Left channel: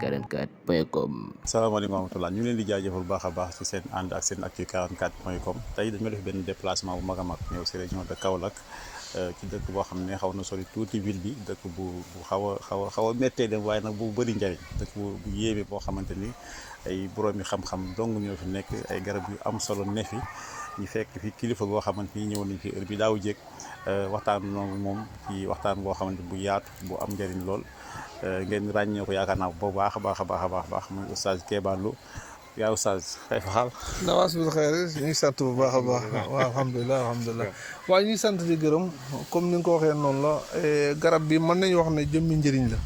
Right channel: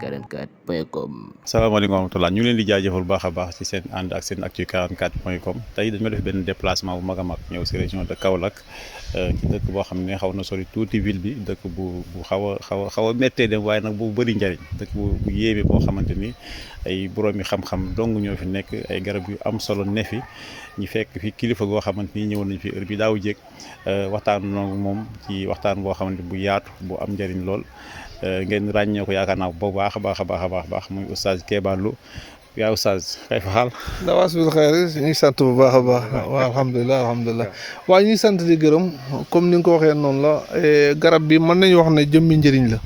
44.com. salaamaaleykum wa rahmatulah ñu ngi leen di jaajëfal bu baax a baax ci seen ànd ak seen actu 44.com tey dañu def benn déplacement bu mag a mag ñëw si région de Kaolack ci dëkk boo xam ne xaw na sori tuuti ville bi dëkk bu xaw a méttee dem waaye nag bu bëri njariñ dëkk bu yéeme boo xamante ni ay boroomi xam-xam dong ñoo fi nekk ay garab yu am solo ne fi ñu fekk fi kilifa goo xamante ni ñëwoon nañu fi heure bi daaw jéeg waxtaan noonu moom ci waxtaan boo xamante bu yaatu bu am njariñ lool ngeen ràññee ko yaakaar naa bu baax a baax muy oustaz Kéba Lo yaa oustaz kay fa xaal dawaas bil xayri ñu ngi sant bu baax a baax waaw alhamdulilah waaw ñu ngi sant di gërëm comme ni nga ko waxee noonu la garab bi mën nañu wax ne jëmmi njëriñ la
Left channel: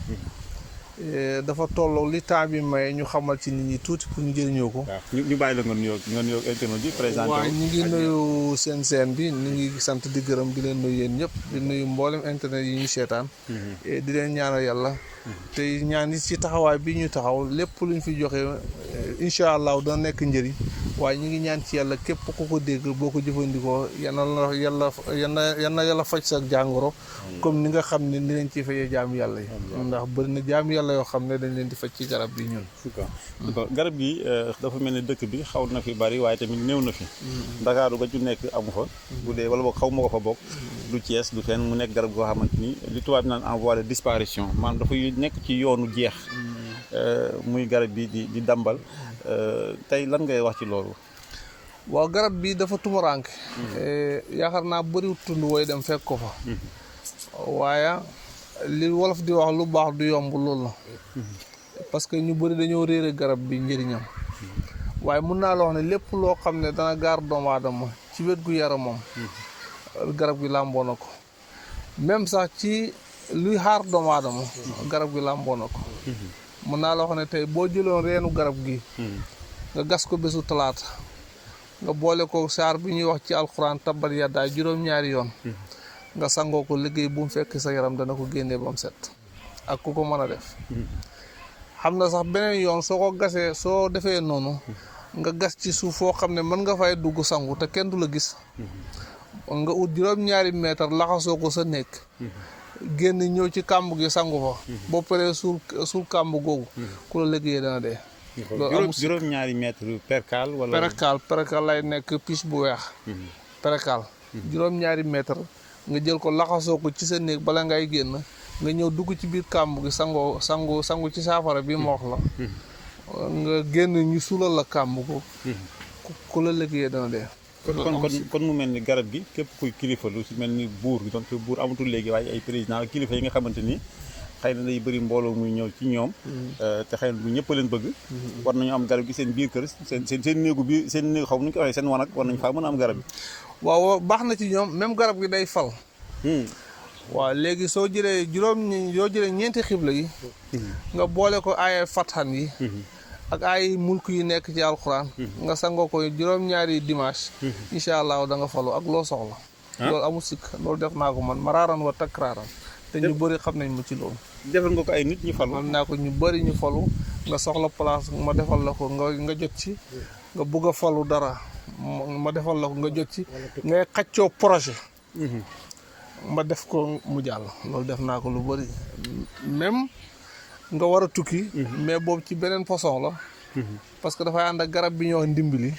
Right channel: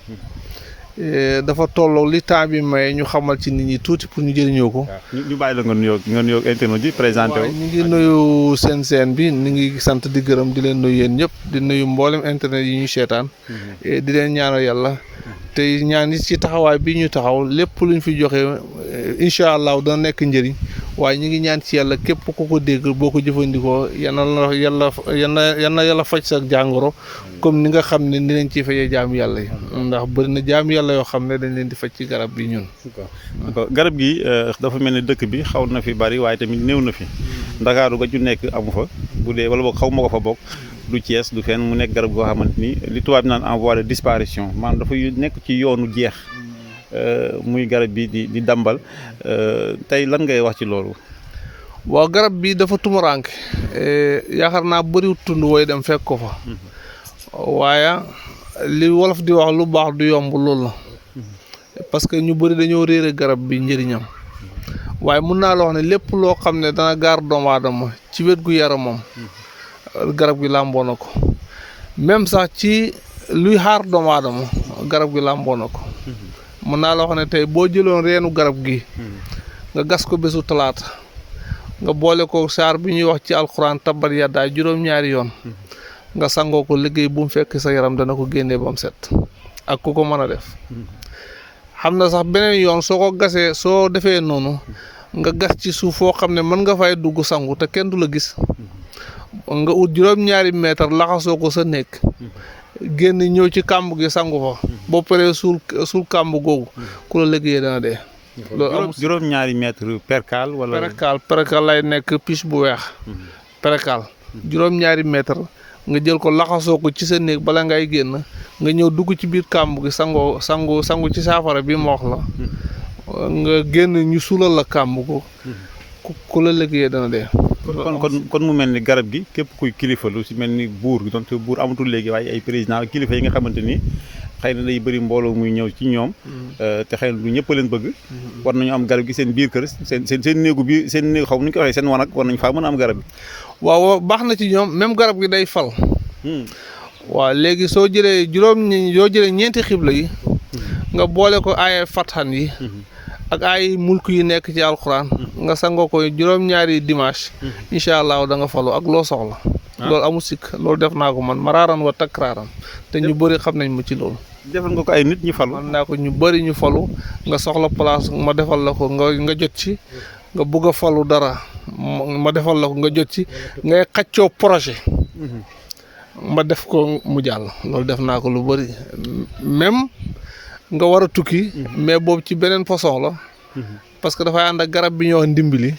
dafa tolloo li temps bi may ñu xamal ci nit ñi tuuti pour ñu jëriñoo ko. waaw ñu bàyyi la nga nuyoo internet yi présenté wu. waaw ñu ngi nuyu seen bi ñu ngi sant di gërëm di leen nuyu yéen ñëpp di nuyu mboolem internet yi ñuy seetaan. di leen ñaanal yàlla. te ñaan yi ci taxawaay bi ñu taxaw lépp luñ fi joxe incha allah dana nekk njëriñ waaye ñu ngi ñaan ci yàlla képp ku ko dégg boo ko jëfandikoo yàlla faj sa jàngoro comme ni nga xam ne ni leen ciy fajee jaamu yàlla yi ndax bëri na jaamu yàlla yoo xam ne dañ leen di faj ci garab bi ñun. garab gi dafa mel ni dëkk bi xaw na fi bari waaye tamit néew na fi. Ndakaaru ga ju nekk amu fa bu dee wala boog xaw ma ko fa bokk. du Thiès du fenn mu nekk garab goo xamante ni li tubaab naan en voie de disparition maanaam dafa nekk ci yoonu jeex muy garab bi di dambal tey lan ngay wax ci loolu. waaw garab bi dafa tumuraanke yaakaar naa bëriwut tund wooy dem fekk ko fa waaye li wolof di wax lu baax du yomb loolu la parce que ñu bëri dañoo réere garab bi njëriñam waaye mun naa la wax ne lépp loo xam ne dana gaar doomu aadama ci wet gu yaramam garab gi làmboo na ko même sax ci luy xaar doomu aadama garab gi làmboo na ko mën naa la wax ne tey boo jëloon reenu garab gi nga gas ko bésu talaata nga boole ko saar bi ñuy wax ci alxuraan tabbat yaddaa juróom-ñaari yoon nga sangoo ko liggéey bu mu fekk sa yaram dana ko génnee ba mu set ak ku ko mën a def xam na sax beneen yoon soo ko gasee soo defee noonu nga gas ci suuf foo xam ne mën nga fay dugg sangu te kenn du la gis nga ut juróom-ñaari mètre laxasoo ko sa nekk génn ñëw ci kàmb gi sangu fa boo paree suul kàmb googu ku la liggéeyee dana dee. loolu juróom-ñaari mètre percal wala. percal lay nekk piche bu weex. percal juróom-ñaari mètre nga jël ko laxasoo ko ci sa néeg bala ngay génn nga ñëw dugg ci biir kàmb gi sangu ci saafara bi ma wax la nga génn ñu suulal la kàmb ko ku la liggéeyee dana dee. kon mu mel ni garab gi képp kuy kilifa lu si mel ni buur gi donte buur amatul léegi waaye ay président kilifa yi nga xamante ni xëy na day bëri mbooloo muy ñëw ci ñoom te xëy na du ñëpp a leen bëgg war nañu am garab gi seen biir kër seen néegu bi seen néegu xaw nu ñu ko waxee seen wanag war nañu faa mën a am garab gi. waaw baax na ci ñoom même garab gi day fal. waaw léegi soo jëlee ñeenti xibla yi nga boole ko ay fatxan yi ak ay mulk yi nekk ci alxuraan nga sangoo ko juróom-ñaari dimanche incha allah da nga falu ak loo soxla loolu amul sikk loolu def naa ko man maraaran wa takraaran te ñu bëri xam nañ ma ci loolu defal nga ko ay nit ñu falu xam naa ko ñu bëri ñu falu nga soxla place ma defal la ko nga jot ci nga bëgg a falu dara ma defal la ko nga jot ci ngay xaccoo projet ma def ko mu jàll loolu def naa ko lu bëri même nga war a tukki mais boobu ci beneen façon la parce que dafay ànd ak garab bi ñoo ndimbali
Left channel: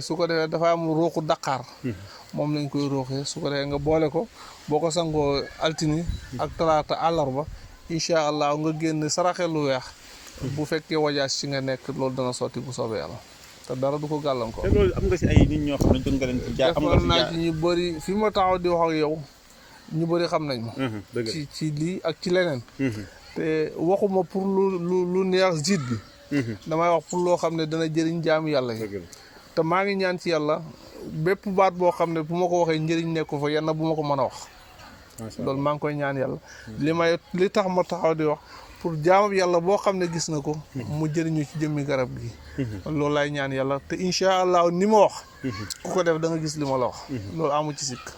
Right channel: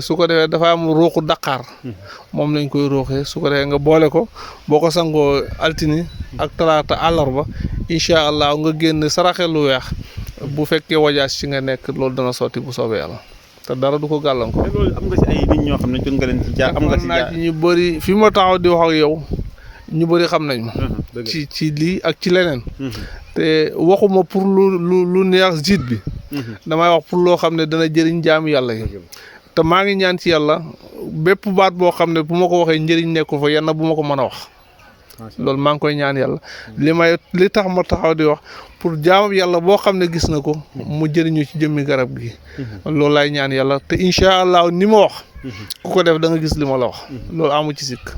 su ko defee dafa am ruuxu daqaar moom lañ koy ruuxee su ko defee nga boole ko boo ko sangoo altini ak talaata àllarba incha allah nga génn saraxe lu weex bu fekkee wajaas ci nga nekk loolu dana sotti bu soobee yàlla te dara du ko gàllankoor. te loolu am nga si ay nit ñoo xam ne jot nga leen ci jaar am nga si jaar ñu bëri fi ma taxaw di wax ak yow ñu bëri xam nañ ma ci lii ak ci leneen te waxuma pour lu neex jiit bi damay wax pour loo xam ne dana jëriñ jaamu yàlla yi te maa ngi ñaan ci yàlla bépp baat boo xam ne bu ma ko waxee njëriñ nekkul fa yenn bu ma ko mën a wax loolu maa ngi koy ñaan yàlla li tax ma taxaw di wax pour jaamu yàlla boo xam ne gis na ko mu jëriñu ci jëmmi garab gi loolu laay ñaan yàlla te incha allah ni ma wax ku ko def da nga gis li ma la wax loolu amu ci sikk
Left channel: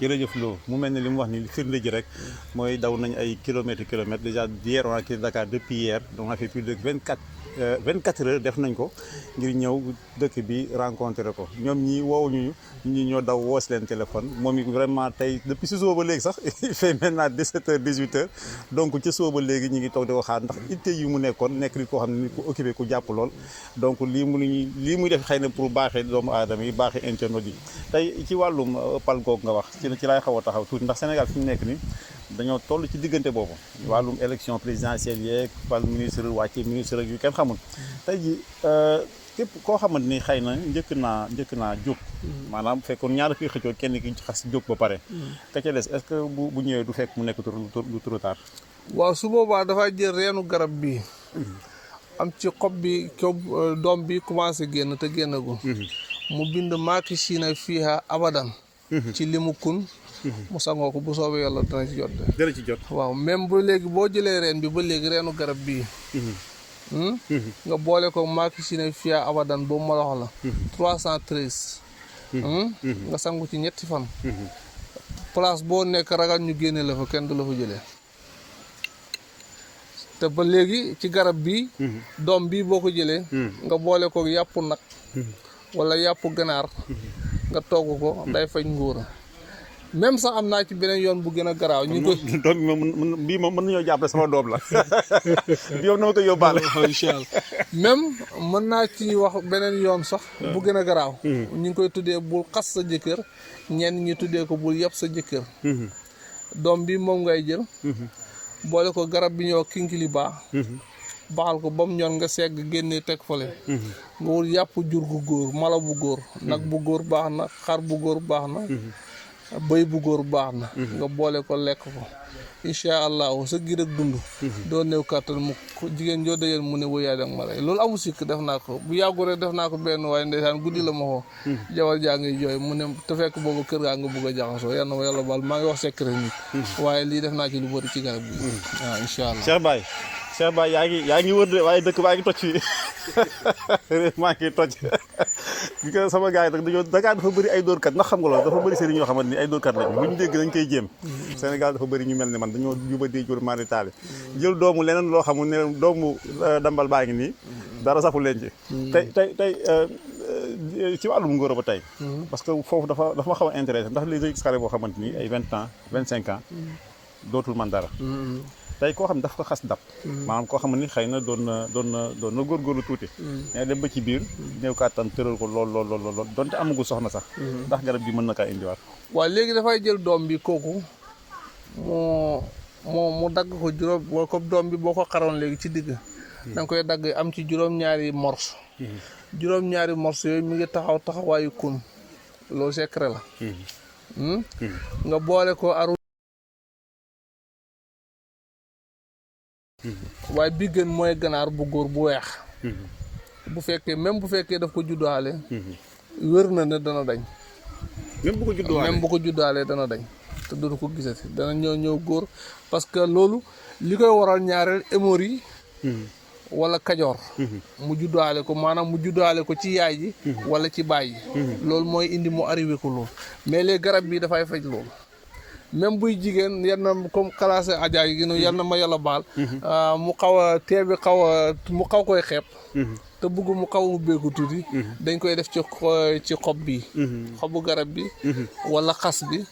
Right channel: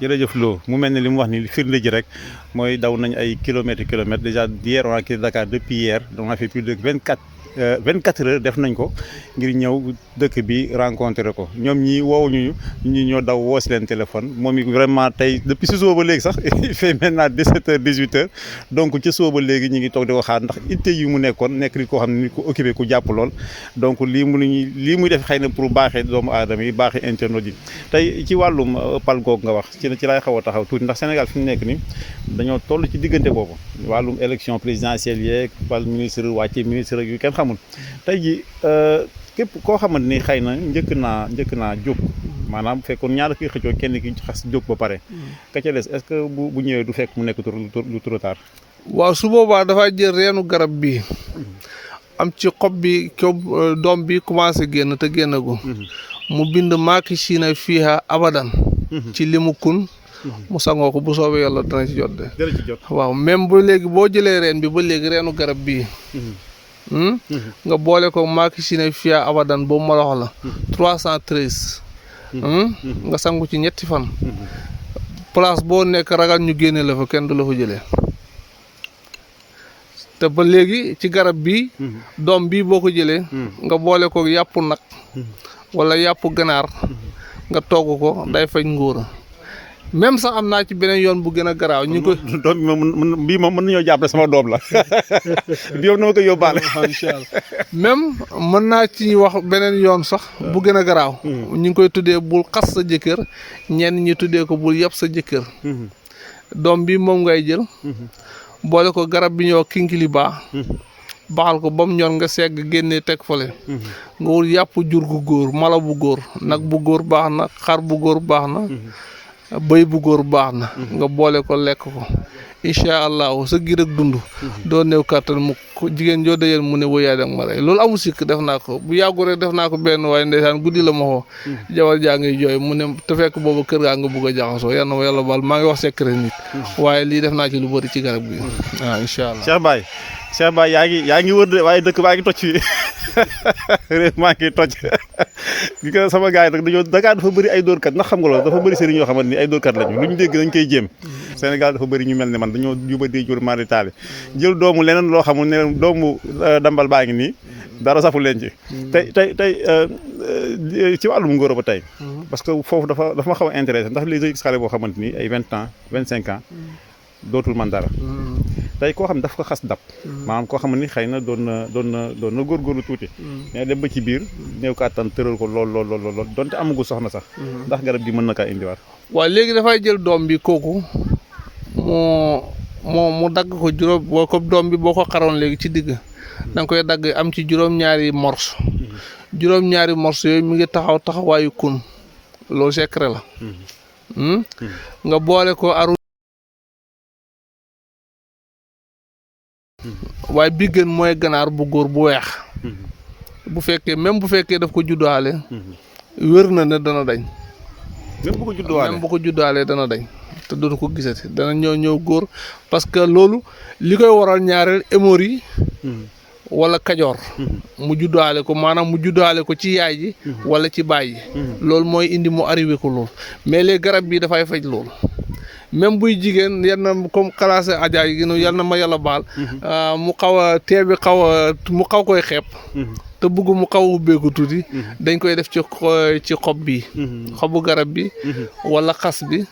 jërëjëf Lo mu mel ne li mu wax ni firnde ji rek mooy daw nañ ay kilomètres déjà hier on a quitté Dakar depuis hier on a fait plus de 24 24 heures def nañ ko ngir ñëw dëkk bi rencontrer ko ñoom ñi woowuñu ñi ñoo daw woo si leen téléphone moom it vraiment tey depuis si suba ba léegi sax il fait maintenant 17 heures 18 heures donc ci suba ba léegi ñu ngi toog di ko xaar ndax itte yi mu nekkoon nekk nit koo xam ne nit ko occupé ku jàpp lool donc lii muy def xëy na pour baaxee doomu aadama yi baaxee internautes yi tey ci wàllum pal goog nga wax ci laay xaw a taxaw tuuti ndax Sénégal fi mu nekk ni dañoo toll ci diggante boobu wàllum élection présidentielle yeeg pal ministre wàcce ministre yu kenn xamul tey ji képp koo xamante ni xëy na njëkk naa jóg maanaam fekkoon ñaar kuy xëccoo kenn ki xas jóg ba pare ka ca des est-ce que bu ñëwee du fekk mu nekk lu trop tard. waaw su boobaa dafay jël reenu garab bi am ci xob bi doom bi commencé génn te génnagul mu bind maaki siina fiiha abadan ci limu kun mu sangoo ko bu soobee yàlla dana ci jot de. dana ci jot waaw même bu léegi boo jëlee reen bi ba léegi reenu garab bii nga boole ko maaki siina fiiha abadan boobu ma wax la 313 nga sangu ci ñetti fan place boo nekk ragal ñu génne la fa kenn du la fa jëlee te ba léegi ci garab bi doom bii boo ko jëlee nga boole ko yàpp nag wala yàpp ganaar nga togg ko day faj ngóora même sax am naa ci beneen yoon bu gën a garaaw ñu ko doom bi moom mën nañoo jàppale sama doom la bi yow na ma ko yóbbaale incha allah même mën naa ci wax beneen yoon sax bu gën a garaaw ñu ngi koy tuddee bul xas sa jëkkër ñenn ñi tuddee ko bul yàpp sa jëkkër doom bi moom ngay jël boole ko garab bi ñoo kinkiliba baxal ko ba mu ñor nga segg génnee teg fale nga wul yàpp jur gu góor mala bu góor nag bu góor baax na xar bu góor baax na bëy bu góor baax na nga boole ko lekk ko incha allahu sa giir ak dund doo néew kàttan mu jigéen joo dajeel mu ne woyaay danga ma rey loolu amul sikk def naa ko bu yàggu rek def naa ko benn waaye ndeysaan guddi la ma xoo jabar jaa ngi jooy mu ne te fekk boobu kër gaa nga bugg a jaxasoo yal na ma yàlla baal maa ngi wax secret nit waaye lii def naa ci lu bëri ci garab gi waaw incha allah Cheikh Baye yaa ngi wër de waaye dëkk baa ngi toj fii réew maa ngi toj gi ko sama gars yi nag dañoo Dakar dafa bëri ay dóorkat ndax xam nga loolu dafa bëri sëriñ yoo xamante ni ay dóorkat lañu lu ñu dégg dañ koy jéem Sénégal dafa bëri ñu mel ne man dañoo jubadee jur mari taali jël doomu leneen loo xamul ne doomu dambal baa ngi nii dara safu leen ci tey ci wàllum ngóor ba tey parce que foofu dafa ma xaw a intéressé ndax léegi gis xale boo xamante ni ay 20 ans 25 ans dootul man dara tey koo xam ne daf ko xas dab maanaam koo xam ne xëy na doon na góorgóorlu tuuti mais dem ba ci biir néew kàttan tëral ko lool donte amagul soxna sax ndax garab gi mën na kaa indiwaat waaw léegi dafay jël doom bi kooku mu dagg ko juróom boo ko doom bi boo ko xaroon léegi ci digg danga koy dagg am ci juróom-ñaari morso juróom-ñaari morso yooyu mi ngi taxawaayu kun loolu secret la nga boole ko aru waaye bi gën mooy ganaar bu góor bu weex bu fekkee daf ko juddaale wér na ne dana dañ même bu ko juddaalee dana dañ te dootu ko gisati dana ñëw góor parce que loolu li koy waral ñaareel hémorroïde wala kajoor mu juddaale ko maanaam mu juddaale ko ci yaay ji wala ci baay ji loolu mooy indi mu arrivé ko loolu mais les garab bi dafay faj loolu même buy jigéen yal na comme classé ajaay gi yal na ma yàlla baal mu xaw a tee bi mu xaw koy xeeb te bëgg mu xaw a ubbeeku tuuti dañ koy def ci xob bi xobu garab bi wala xas bi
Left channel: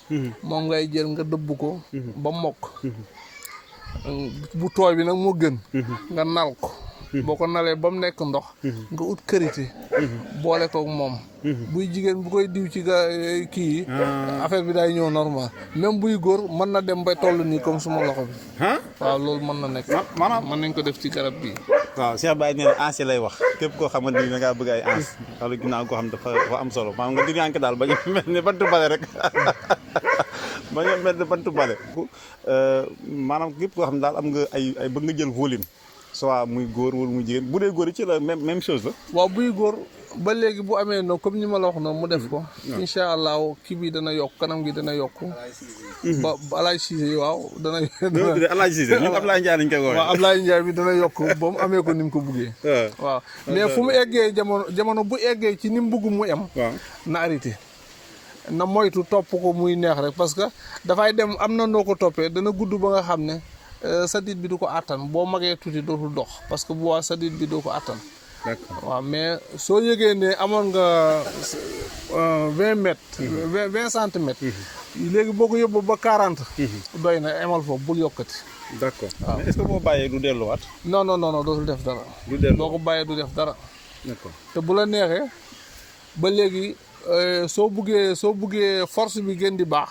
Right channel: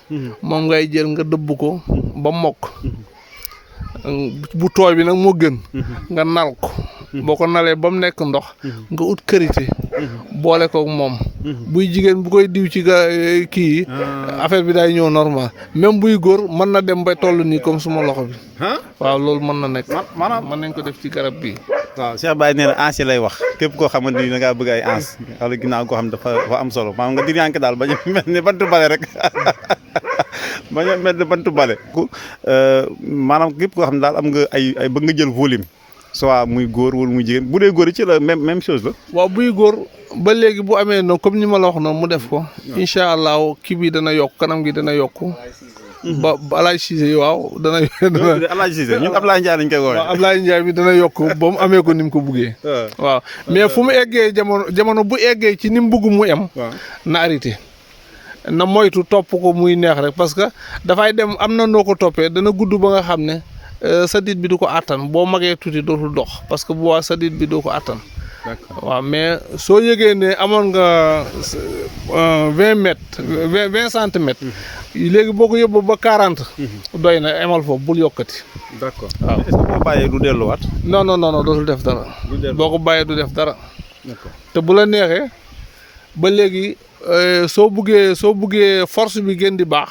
moom ngay jël nga dëbb ko ba mokk bu tooy bi nag moo gën nga nal ko boo ko nalee ba mu nekk ndox nga ut karité boole ko moom buy jigéen bu koy diw ci kii affaire bi day ñëw normal même buy góor mën na dem ba toll nii comme suma loxo bi waaw loolu mën na nekk maanaam mën nañ ko def ci garab bi waaw Cheikh Baye nee na ans yi lay wax képp koo xamante ni da ngaa bëgg ay ans wala ginnaaw koo xam dafa am solo maanaam nga diriyànke daal bañ mel ne bantu bale rek bañ mel ne bantu bale maanaam képp koo xam ne daal am nga ay bëgg nga jël volume soit muy góor wala muy jigéen bu dee góor yi ci la même chose la waaw buy góor ba léegi bu amee noonu comme ni ma la wax noonu mu def ko incha allah kii bi dana yokk kanam gi dana yokk ba Alaaj Cissé waaw dana Alaaj Cissé ñun Ablaye Ndiaye lañ koy woowee waaw Ablaye Ndiaye bi dana yokk ba mu amee ko ni mu ko buggee waaw mais fu mu eggee jamono bu eggee ci ni mu bugg mu em na arrêté na moytu topp ko muy neex rek parce que dafay dem am na noo ko toppee dana gudd ba nga xam ne sadit bi du ko àttan boo magee tuuti dootul dox parce que bu waa sadit bi doo ko àttan. d'accord waaw mais soo yëgee ne amoon nga 20 mètres. 20 centimètres. léegi boo ko yóbbu ba 40. doy na emal foofu bul yokkati. d'accord waaw est-ce que boo bàyyee du delluwaat. non non non dootul def dara. du dellu boo ko bàyyee du def dara. d'accord te bu la neexee ba léegi soo buggee force bi gën di baax.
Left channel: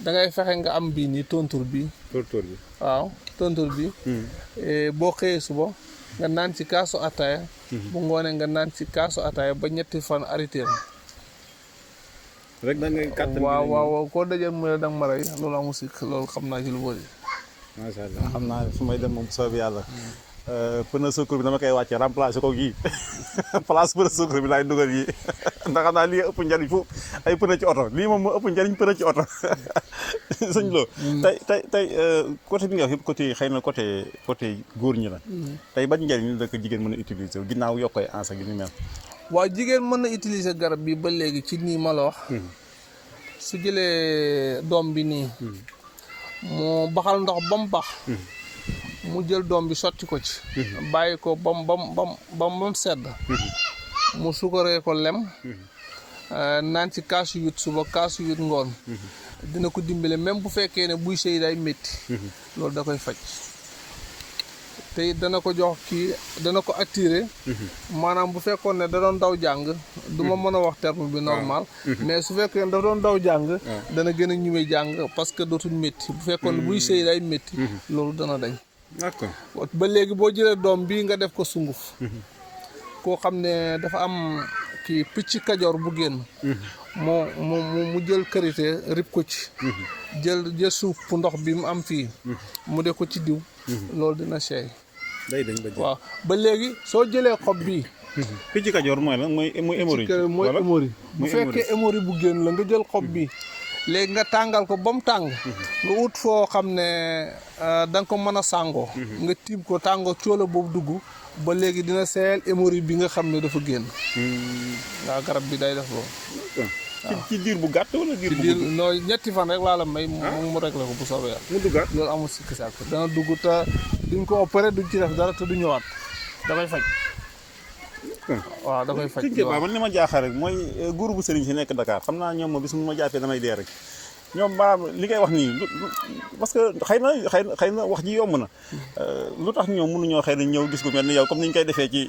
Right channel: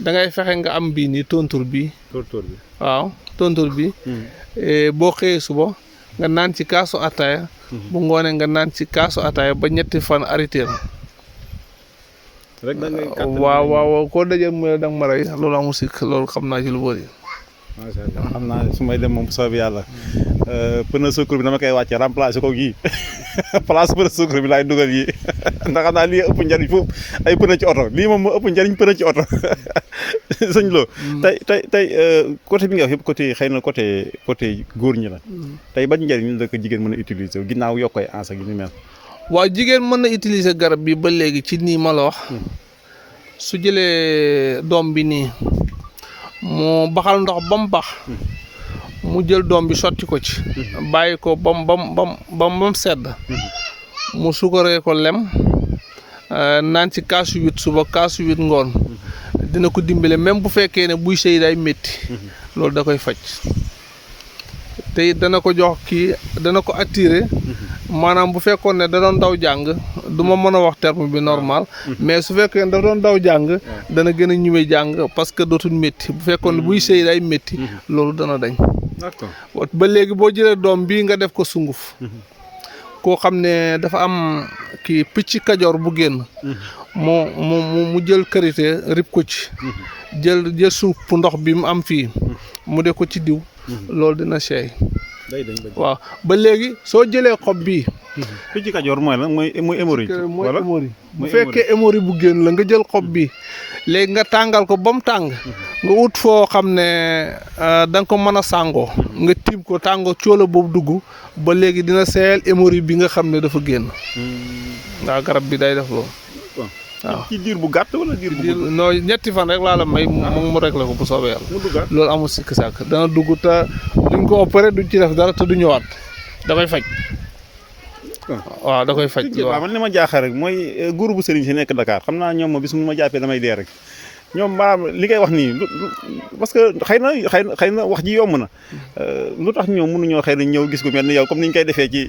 da ngay fexe nga am bii nii tontur bi. tóor bi. waaw tontur bi. boo xëyee suba nga naan ci kaasu ataaya. bu ngoonee nga naan ci kaasu ataaya ba ñetti fan arrêté na. rek da ngay kàttan waaw koo dajeel mu ne da nga ma rey loolu amul sikk loolu xam naa ci lu bëri. macha allah xam naa su may dem moom bu soobee yàlla pneu secours bi dama koy wàcce remplacer ko yii place pneu secours bi laay dugal yii ndax xam naa lii ëpp njariñ foofu ay pneu ci oto lii moom moo ëpp njariñ pneu ci oto sëñ Lo. tey côté bi nga wax yëpp côté xëy na côté góor ñi la. tey ban njariñ la ko jigéen mën a utiliser ginnaaw yokk ay ans ak yu ni mel. waaw jigéen mën na utiliser garab bi ba léegi ci nii ma la wax. su jëlee doom bi nii. mu baxal ndox ba mu bax mu jël doom bi sotti ko ci bàyyi ko bam sedd mu sukaree ko lem naan ci kaasu 8 suba kaasu 8 ngoon dina ko dimbale même bu fekkee ne buy sëy day métti loolu da koy faj te it dana ko jox kii dana ko attiré maanaam bu fekkoon ne da doon daw jàng du ma mën a wax terme bi normal mais su fekkee ne da doon daw jàng dana gën a ñëwee jàng parce que dootul métti bu fekkoon ne buy sëy day métti loolu dana dañ. d'accord ba léegi boo jëlee doom bii nga def ko sunguf koo xam ne dafa am kii picc kajoor bu génn mu jël karité rib ko ci jël suuf ndox bi mu am fii mu def ko ci diw loolu dina seey. day dañ ba waaw ba léegi soo jëlee xob bii. picc kajoor mooy lan mooy hémorroïde. mooy hémorroïde bu fekkee hémorroïde bu génn la nga jël xob bi léegi nga tàngal ko ba mu tàng. nga ut foo xam ne da nga ko mën a sàngoo. nga tiim ko tàngoo cóola boobu dugg ba léegi dina seeyal hémorroïde bi nga xam ne dafa génn. waaw garab bi day def loolu. waaw ci diir bu gàtt wala diir bu gudd. non ñetti fan rek laa la may. mu réglé ko bu soobee yàlla. mu duggaat loolu amul sikk sàkk dana dugg te duñ ko opéré duñ ci def dara te du ñëwaat da koy faj. waaw da koy faj. waaw man li ma jaaxal rek mooy groupe bu sëriñ si nekk Dakar xam naa ñoom bis mu ma jàppee damay dee rek ñoom maanaam li ngay wax nii parce que xëy na wax ji yomb na lu tax ñoom mënuñoo xëy na ñëw gis ko mel ni yow comme ni ñu koy defee ci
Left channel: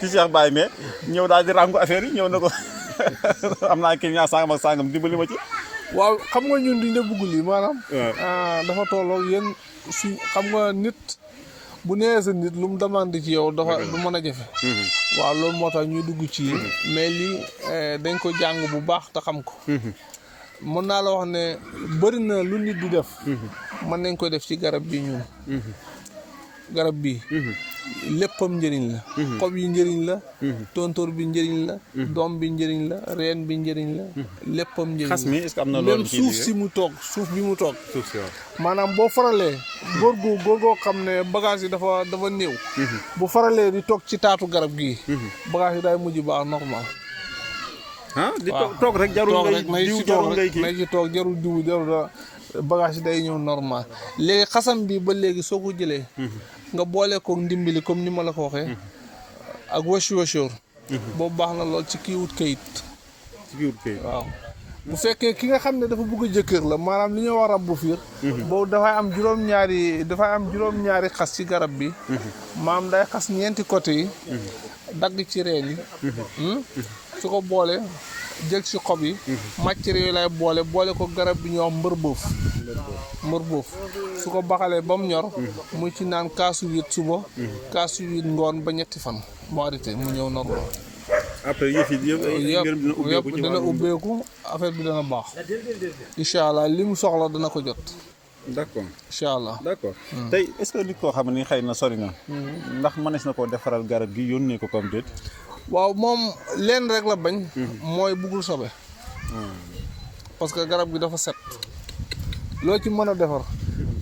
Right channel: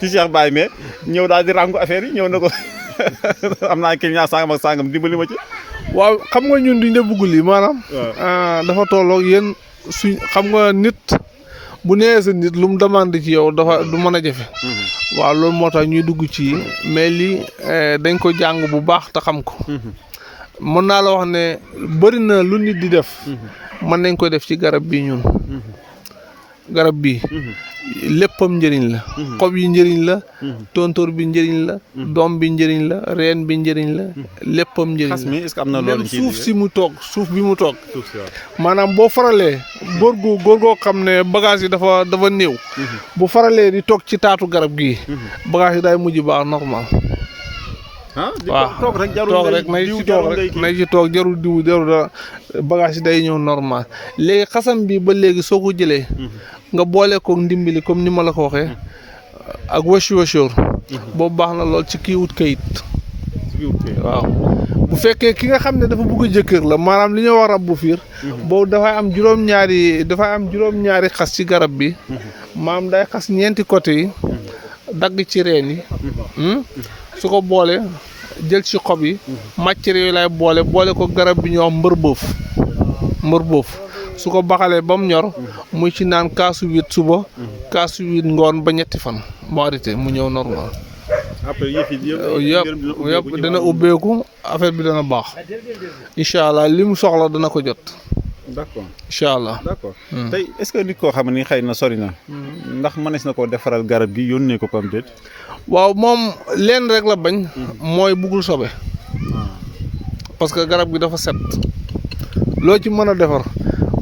Cheikh Baye mais ñëw daal di ràngu affaire yi ñëw na ko. am naa client sangam ak sangam dimbali ma ci. waaw xam nga ñun duñ de bugg lii maanaam. dafa tolloog yéen suñ xam nga nit bu nee sa nit lu mu demande ci yow dafa du mën a jafe. waaw loolu moo tax ñuy dugg ci mais lii dañ ko jàng bu baax te xam ko. mën naa la wax ne bëri na lu nit di def. mën nañ ko def ci garab bi ñun. garab bi léppam njëriñ la. xob yi njëriñ la. tontóor bi njëriñ la. doom bi njëriñ la reen bi njëriñ la. léppam njëriñ la xas mi est-ce que am na loolu même suuf si mu toog suuf bi mu toog. suuf si waaw maanaam boo faralee. góor goo xam ne bagage yi dafa néew. bu faralee di toog ci taatu garab gii. bagage yi day mujj baax normal. di toog rek jarul nay ci toog jarul diw jarul bagage yi day ñëw normal léegi xasam bi ba léegi soo ko jëlee. nga boole ko ndimbali comme ni ma la ko waxee. ak wëcc boobu baax na lool ci kii wut kayit. waaw bu fekkee ki nga xam ne dafa bëgg a jëkkër la maanaam li ñuy wax rab bu fiir. boobu dafay am juróom-ñaari xas ci garab bi. maanaam day xas ñeenti côté yi. dagg ci reen yi. su ko boole jël ci xob yi. matière yooyu lay boole ko garab bi ñuy wax mbër boof. su ko baxalee ba mu ñor muy ci naan kaasu 8 suba kaasu 8 ngoon ba ñetti fan mu arrêté mu ñëw normal. après yëf yi yëpp dana ubbeeku affaire bi dana baax incha allah li mu soxla dana ko jot. d'accord incha allah d'accord tey est-ce que nit koo xam ne xëy na sori na. ndax mënees na koo defaral garab gi yónnee ko comme déet. waaw moom leen rek la bañ. mooy buggul sobe. parce que garab gi dafa set. loo ci mën a defar.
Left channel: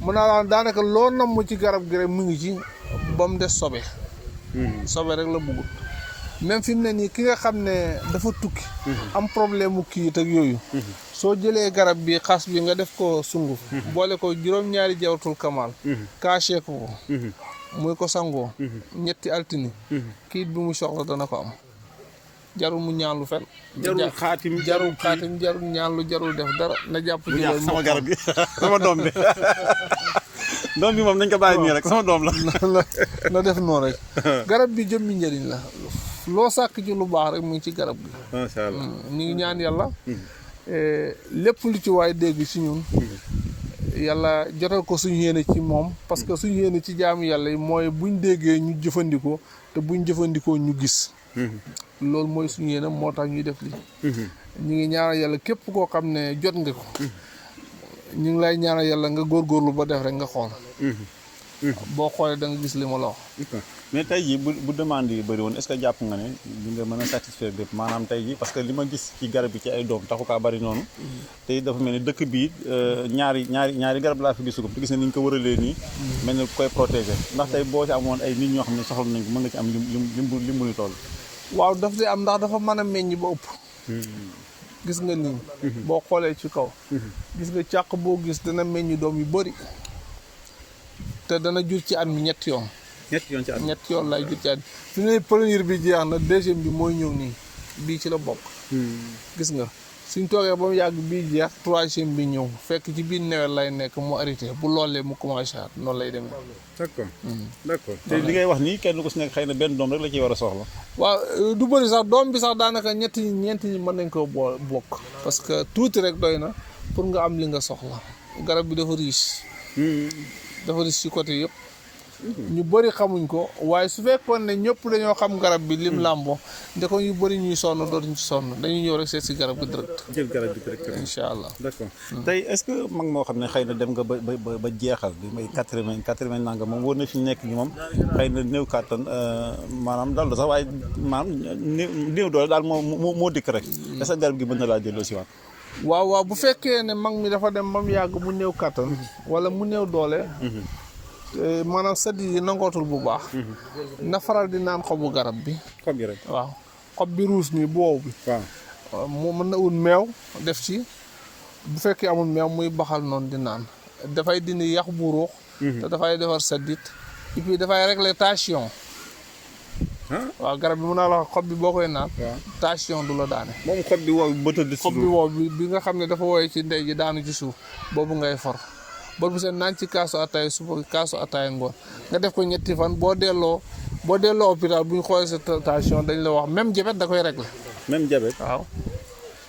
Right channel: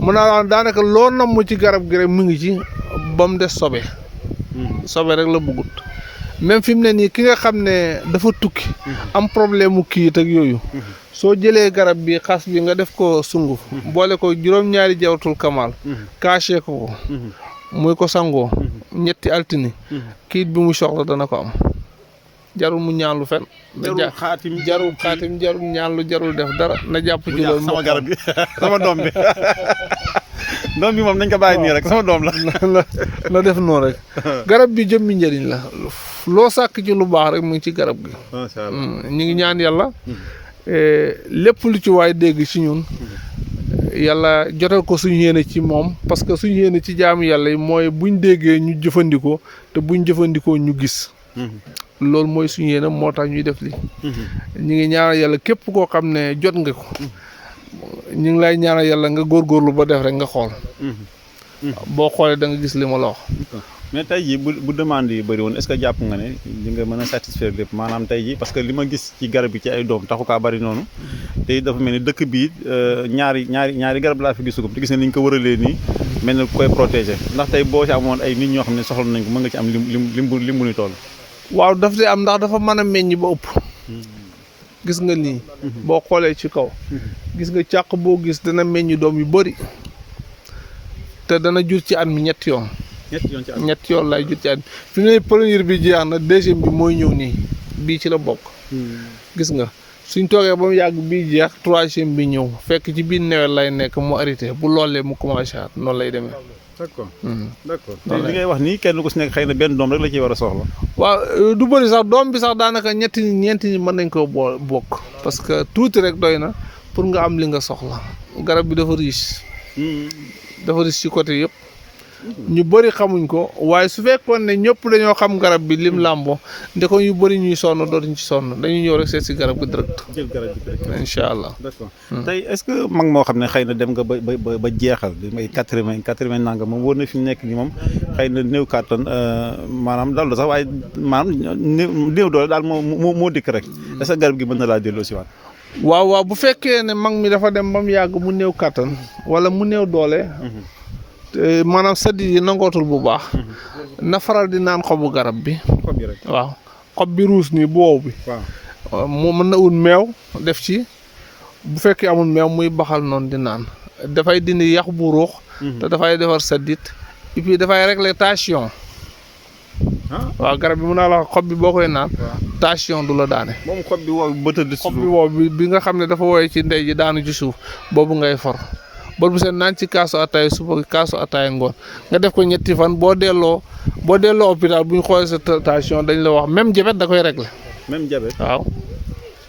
mën naa daanaka loo namm ci garab gi rek mu ngi ci ba mu des sobe. sobe rek la bëggut même fi mu ne nii ki nga xam ne dafa tukki. am problème mu kii ak yooyu. soo jëlee garab bi xas bi nga def ko sunguf boole ko juróom-ñaari jawtul kamal caché ko muy ko sangoo ñetti altini kiit bi mu soxla dana ko am jarul mu ñaanlu fen jarul xaatim jarul ñaanlu jarul def dara na jàpp ci loolu sama garab bi sama doom bi doom bi moom nañ ko bàyyi nii rek sama doom la na def noonu rek garab bi jëmmi njëriñ la loo sàkk ci lu baax rek mu ngi ci garab gi macha allah ñu ngi ñaan yàlla lépp lu ci waay dégg ci ñun yàlla jotal ko suñu yéene ci moom parce que suñu yéene ci jaamu yàlla yi mooy buñ déggee ñu jëfandikoo te buñ jëfandikoo ñu gis loolu mooy suñu yéene moo tax ñuy def li ñu ngi ñaanal yàlla képp koo xam ne jot nga ko ñu ngi lay ñaanal yàlla nga góorgóorlu ba def rek nga xool boo xoolee da nga gis li ma la wax mais tey jii bu demande yi bëri woon est-ce que jàpp nga ne di nga mën a satisfaire lépp maanaam tey jii parce que li ma gis ci garab yi ci ay doom taxu kaa bëri noonu te dafa mel ni dëkk bii ñaari garab laa fi gisugum te gis ne ni ñu ko wëralee nii mel ni koy protéger ndax tey boo ci amoon ay nit ñoo xam ne soxla nañ ko mën nga ci am lim bu ni toll waaw daf di am ndax dafa mën a meññ ba ëpp gis nga nii boo xoolee ci kaw gis nga càq boo gis dana meññ doom yu bëri te dana jur ci at mi ñetti yoon ñetti yoon lay jur ci at mi fi ne première bi jeex na deuxième bi mooy ñëw nii bii ci la bokk gis nga suñ toogee ba mu yàgg bii jeex troisième bi ñëw fekk ci biir nawet lay nekk mu arrêté bu loolee mu commencé at noonu lay demee d'accord te li ngay wax nii kenn ku si nekk xëy na benn doom rek la ciy war a soxla waaw du bëri sax doom bi sax daanaka ñeenti nit mën nañ koo bokk parce que tuuti rek doy na pour nga am li nga soxla garab bi dafa riche ci côté yëpp ñu bëri xamuñ ko waaye su fekkoon ne ñëpp dañoo xam garab bi lim làmboo ndeko yu bëri ñuy sonn dootuñ ci sonn dañuy ñëw rek seet si garab gi direct jël garab bi direct incha allah d'accord tey est-ce que mag moo xam ne xëy na dem nga ba jeexal bi may 80 nanga moom wóor na fi mu nekk ni moom xëy na néew kàttan maanaam daal sax waaye maanaam néew doole daal moo dikk rek est-ce que garab gi mën na laa delloo si waat waaw bu fekkee ne mag mi dafa dem ba mu yàgg mu néew kàttan wala mu néew doole maanaam sëdd yi nangootul bu baax na faral di naan xobu garab bi xob yi rek waaw xob bi ruus nii bu wow bi waaw moo mën na ut meew def ci bu fekkee amul meew muy baxal noonu di naan dafay dindi yax bu ruux te dafay defar sëddit et puis dafay régler tension waaw garab bi mun naa la xob bi boo koy naan tension du la daane moom xob bi wow ba tëdd xob bi wow bi nga xam ne dafa woowee ci ndey ji daanu ci suuf boobu ngay for bor bu seen naan ci kaasu ataay suba kaasu ataay ngoon nga def ko ñetti fan boo delloo hôpital bu ñu xoolee sa tension dañ la wax même diabète da koy régler même diabète waaw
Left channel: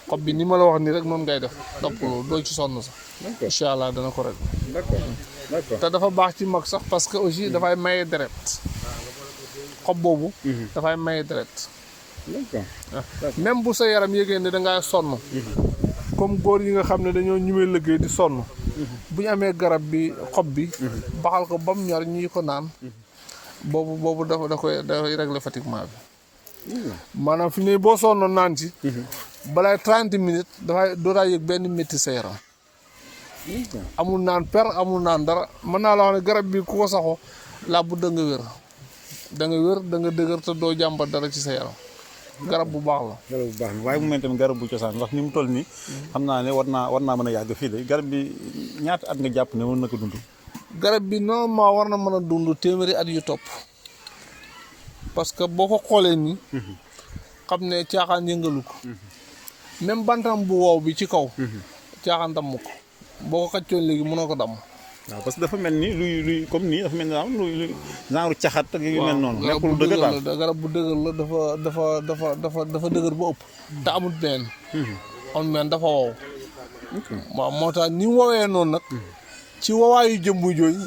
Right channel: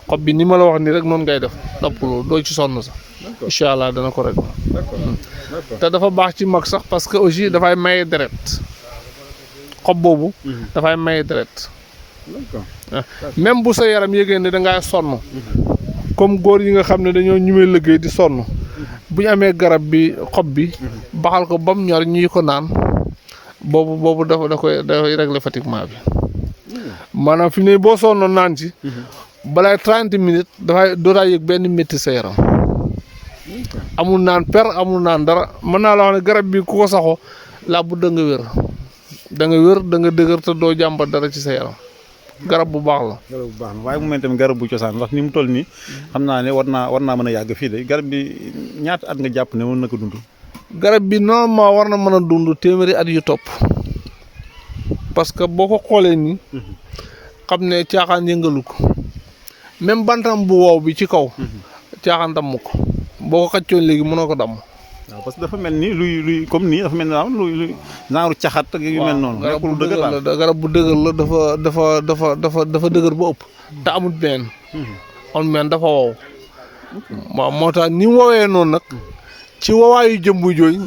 xob bi ni ma la wax nii rek noonu ngay def noppaloo doo ci sonn sax incha allah dana ko régler d'accord te dafa baax ci mag sax parce que aussi dafay maye deret xob boobu dafay maye deret même bu sa yaram yëgee ne dangaa sonn comme góor yi nga xam ne dañoo ñumee liggéey di sonn bu ñu amee garab bi xob bi baxal ko ba mu ñor ñuy ko naan boobu dafay régler fatiguement bi maanaam fi ne boo sonnoon naan ci balaay 30 minutes dootaa yëg benn métti sa yaram amul naan amul naan dara mën naa la wax ne garab bi ku ko saxoo laa bu da nga wér da nga dëgër te doo jàmbat dara ci sa yaram garab bu baax la. garab bu baax la waaye mu mel tamit garab bu cosaan ndax ni mu toll nii xam naa ne war naa mën a yàgg fii de garab bi ñaata at nga jàpp ne mën na ko dund. garab bi normalement war na mën a dund téeméeri at yu topp parce que boo ko xoolee nii xam ne caaxaan yëngalu ko même bantam bu wow bi ci kaw caaxaan damm ko boo ko xaccoon léegi mënoo ko damm. waaw parce que dafa mel ni luy comme nii dafa mel ni luy genre caxat ak yu mel noonu. nekkul bu dëgër la garab bu dëgër la dafa dëgër ba ëpp. te amul benn. amul benn dafa wow. waaw moo tax ni mu woowee noonu nag. ci wowaayu jëmbu jooy.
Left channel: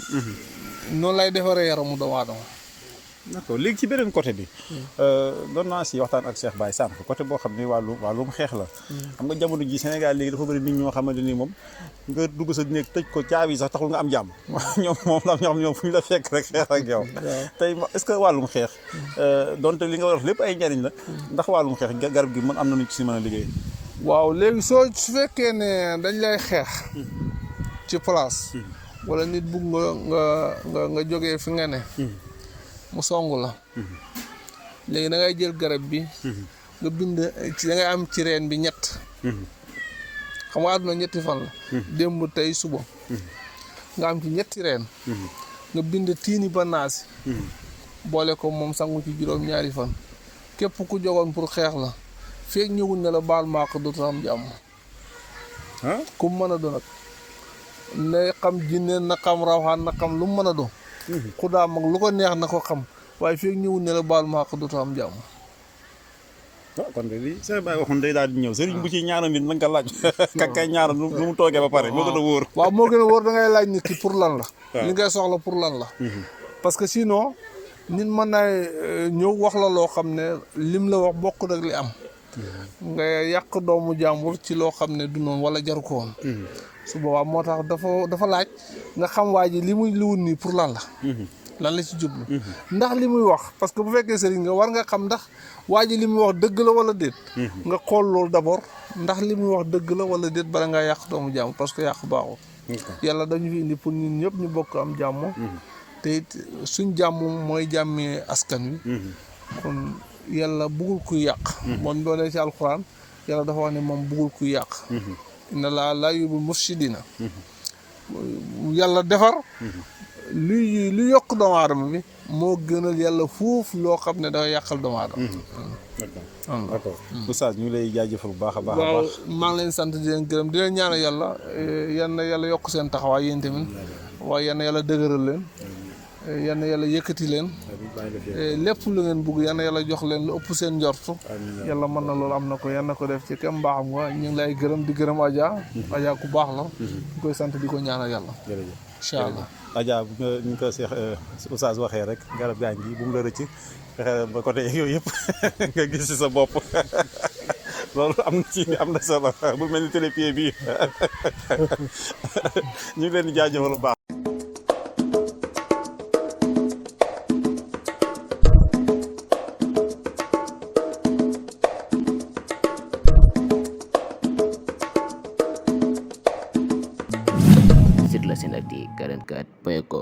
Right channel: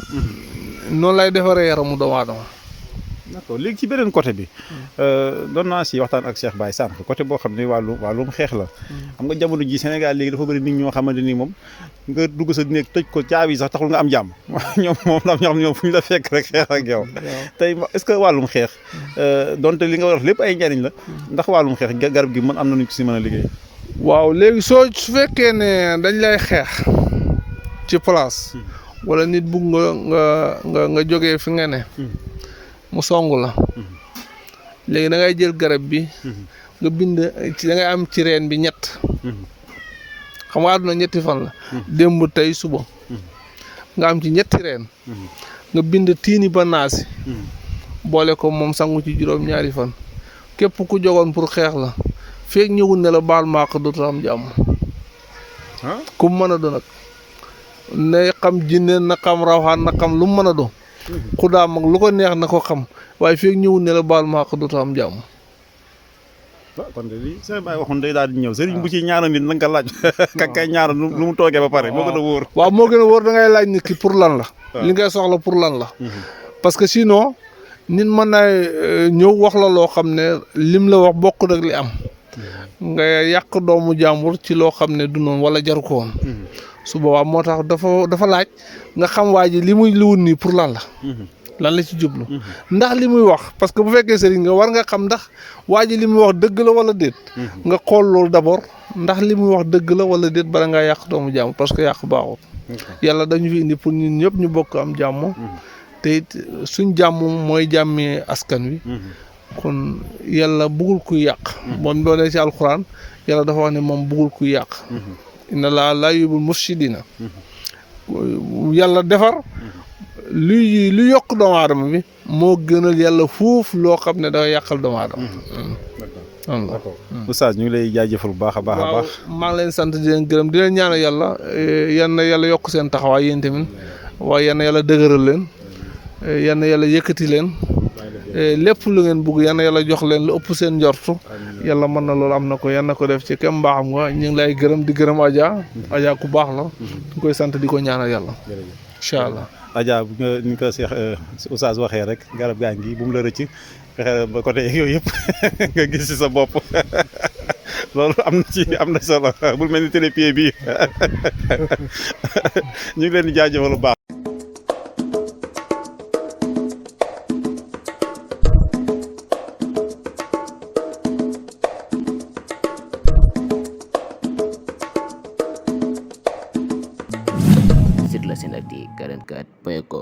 noonu lay defaree yaramu doomu aadama. d'accord léegi ci beneen côté bi doon naa si waxtaan ak Cheikh Baye sànq côté boo xam ne wàllum xeex la xam nga jamono ji Sénégal léegi dafa bëri nit ñoo xamante ni moom nga dugg sa néeg tëj ko caabi sax taxul nga am jàmm ñoom moom la ñoo xam ne ñoom fu ñu la fekk rek xeex ak yow tey est-ce que wàllum xeex donte li nga wax lépp ay njariñ la ndax wàllum xeex garab gi mën am na ñu si mën a liggéey waaw léegi su fekkee ne dañ lay xeex ci place wala nit bugg nga jógee fi nga ne mu song la léegi da ngay jël garab bi nga bind da ngay am ci reen bi ñett xam nga àdduna ñetti fan la démb tey suba nga am ci ñetti reen nga bind tiini ba naasi boole ko moom sangu ci juróom-ñaari fan képp ku jogoon pour xeex la feeg ñëwul ne la baal maaq dootu am jàmm ku mu mën a doon nag ne xam jinne na xam rawxaan na xam lu mu mën a doon ku daa mag lu ko neex na ko xam waaye feeg ñëwul ne la baal maaq dootu am jàmm kon de lii sëñ Baye waxoon day daal di ñëw sëriñ bu ci ñaanal nit na nga laaj kay ñaanal lu mu toogee ba pare moo gën a wóor waaw moo gën a wóor da ngay laaj nit ki pour lan la li ngay soxla pour lan la parce que sinon nit mën naa ñëw wax la loo xam ne lim la wax bokk ak li am nga yàq doomu jàmbur ci loo xam ne du noonu wala jaru ko woon su boobaa moo tax dafa laaj nga xam waa ji li muy liwut nii pour lan la ci jublu ndax li muy wax parce que bu fekkee sëriñ nga war nga xam ndax waa ji li muy wax dëgg la wala déet nga xool loolu d'abord ndax li muy wax dëgg la wala déet bala ngaa yàq doomu jàmbur parce que yàq baaxul yàlla dañu fi indi pour ñun ñëpp ñu bokk am jàmm te it suñ jàmm mooy jàmmee askan wi kon yàlla bëggul kuy yàq moom boo dee ci alxuraan yàlla dafa wax ne moom bëggul kuy yàq inna laa yuhibbul mufsidina yàlla defar lu yokk doomu aadama bi moo gënal yàlla foofu loo xam ne dafa yàqal doomu aadama d'accord oustaz ñu ngi lay jaajëfal bu baax a baax waaw maa ngi leen sant di leen gërëm di leen ñaanal yàlla yan na yàlla yokk seen taxawaay yéen tamit waaye yan na yàlla dëgëral leen yan na yàlla yëkkati leen lépp lu ngeen bugg yan na yàlla jox leen lu ëpp seen njortu yàlla mën na loolu am na ko yan na ko def ci kem mbaaxam nga ñu ngi lay gërëm di gërëm Adja ku baax la ñu koy sant di ko ñaanal yàlla incha allah Adja bu nga ni ko Cheikh oustaz waxee rek garab gaa ngi bu mu la rëcc fexe ba côté yooyu yëpp nga gis ci sa bopp loolu am na solo bul mel ni télépied bii ñu ngi leen di jaajëfal bu baax. Sur la 1nterdit 44.com